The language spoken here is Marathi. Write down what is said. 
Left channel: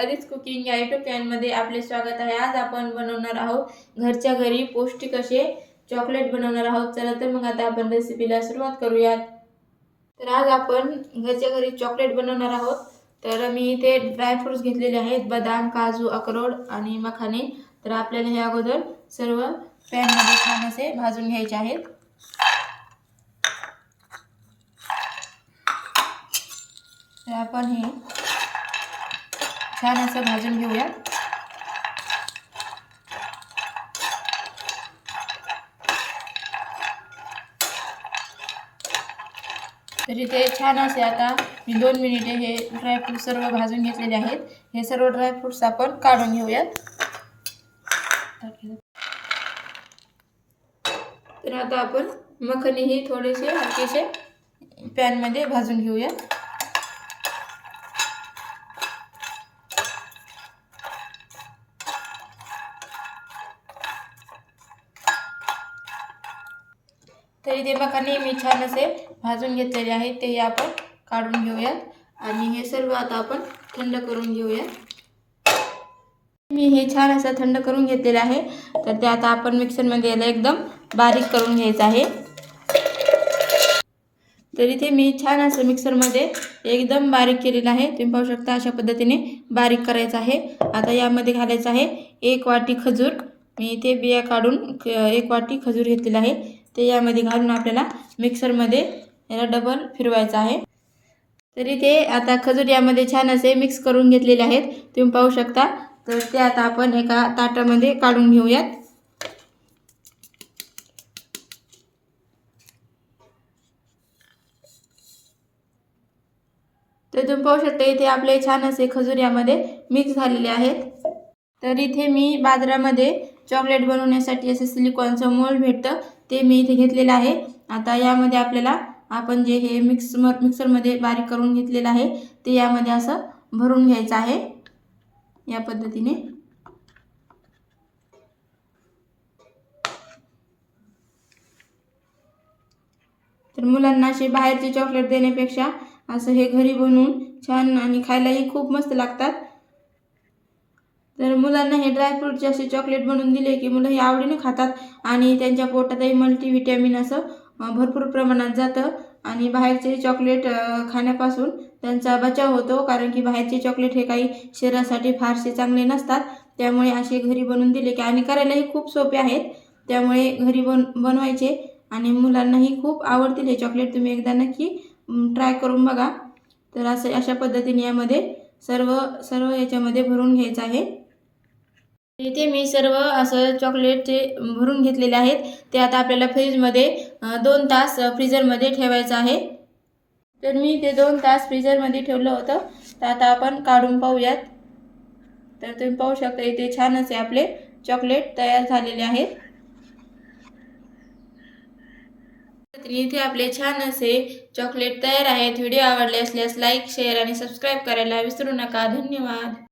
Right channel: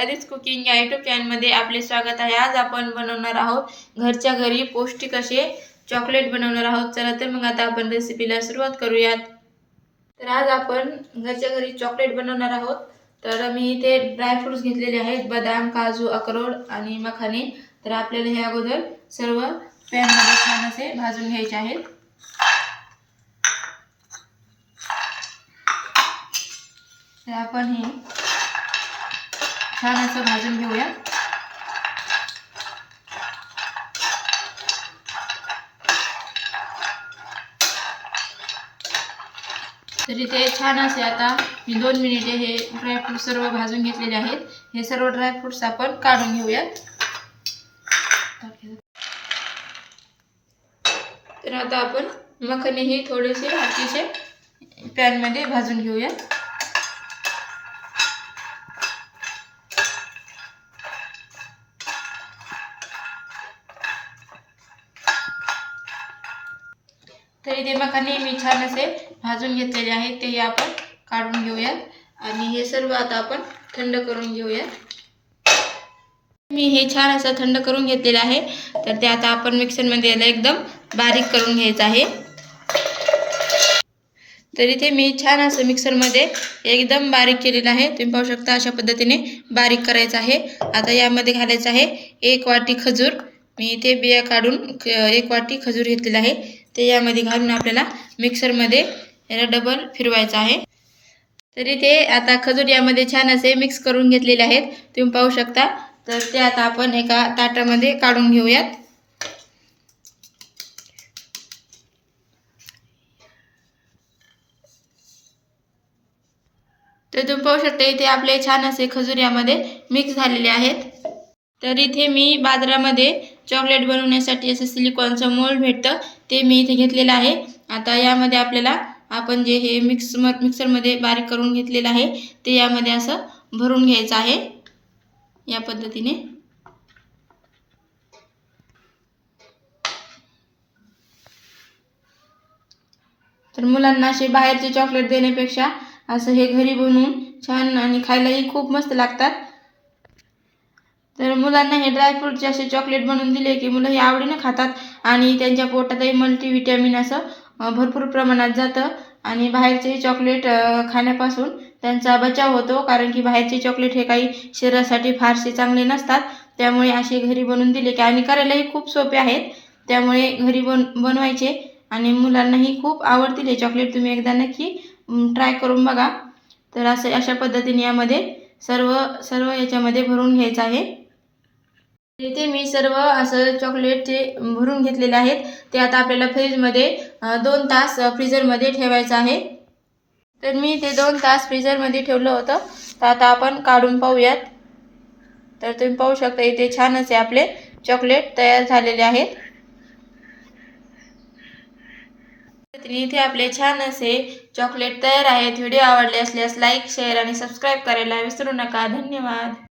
अदिस कुकिंग या यूट्यूब चॅनलमध्ये आपले स्वागत आहे। आज आपण बनवणार आहोत घरच्या घरी पौष्टिक असे चॉकलेट बनवणार आहोत। चला तर मग आता आपण रेसिपीला सुरुवात करूयात। तर आज आपण घरच्या घरी चॉकलेट बनवणार आहोत। तर मी इथे ड्राय फ्रूट्स घेतलेले आहेत, बदाम, काजू, अक्रोड आणि मखाने। तर आपल्याला हे अगोदर सर्व पॅन मध्ये छान असे भाजून घ्यायचे आहेत। तर आपण हे छान असं भाजून घेऊया। तर इथे छान असे आता मी 2 मिनिटे हे ड्रायफ्रूट सर्व भाजून घेतलेले आहेत। हे सर्व ड्रायफ्रूट्स आपण काढून घेऊया। तर आता आपण मखाने ही थोडेसे हलकेसे पॅन मध्ये भाजून घेऊया। तर इथे मखाने मी छान असे भाजून घेतलेले आहेत, ते आपण काढून घेऊया आणि हे सर्व आता आपण थंड करून घेऊया। मी हे छान असं थंड करून घेतलेले आहे। तर ते आता आपण मिक्सर मध्ये याला एकदम बारीक करून घ्यायचं आहे। तर इथे मी छान असं मिक्सर मध्ये एकदम बारीक केलेलं आहे। तुम्ही पाहू शकता अशा पद्धतीने बारीक करायचं आहे। आता यामध्ये घालायचं आहे 1 वाटी खजूर। मी इथे बिया काढून 1 वाटी खजूर घेतलेला आहे, ते यामध्ये घालून आपल्याला मिक्सर मध्ये याला डबल फिरवायचं आहे। तर इथे आता खजूर यामध्ये छान असे मिक्स करून घेतलेले आहेत, तुम्ही पाहू शकता। तर ते आता आपण एका ताटामध्ये काढून घेऊयात। तर तुम्ही पाहू शकता इथे आपले छान असे खजूर यामध्ये मिक्स झालेले आहेत। तर इथे मी बाजारामध्ये चॉकलेट बनवण्यासाठी असे सिलिकॉनचं मोल्ड भेटतं, ते मी इथे घेतलेलं आहे। आता यामध्ये आपल्याला आपण जे हे मिक्सर मध्ये बारीक करून घेतलेलं आहे, ते यामध्ये असं भरून घ्यायचं आहे या पद्धतीने। तर मुलांना असे बाहेरचे चॉकलेट देण्यापेक्षा असं हे घरी बनवून छान आणि खायलाही खूप मस्त लागतात। तर मुलांना हे ड्रायफ्रूटचे असे चॉकलेट बनवून दिले की मुलं हे आवडीने खातात आणि त्यांच्या पोटातही मल्टीव्हिटॅमिन असं भरपूर प्रमाणात जातं आणि बाहेरचे चॉकलेट खाण्यापासून त्यांचा बचाव होतो, कारण की बाहेरचे चॉकलेट हे काही शरीरासाठी फारसे चांगले नसतात। त्यामुळे असे घरी बनवून दिले की आणि करायलाही खूप सोपे आहेत, त्यामुळे घरी बनवायचे आणि मुलांनाही खूप आवडतील हे चॉकलेट। तुम्ही एकदा नक्की ट्राय करून बघा। तर अशा पद्धतीने यामध्ये सर्व याच्यामध्ये भरून घ्यायचं आहे। इथे मी सर्व असं चॉकलेट जे भरून घेतलेले आहेत, ते आता आपल्याला फ्रीज मध्ये 2 तास फ्रीजर मध्ये ठेवायचं आहे। तर मी ते 2 तास फ्रीजर मध्ये ठेवलं होतं। तर आता आपण काढून पाहूयात। तर तुम्ही पाहू शकता इथे छान असे आपले चॉकलेट तयार झालेले आहेत। इथे आपले छान असे चॉकलेट तयार आहेत। व्हिडिओ आवडले असल्यास लाईक, शेअर आणि सबस्क्राईब करायला विसरू नका। धन्यवाद।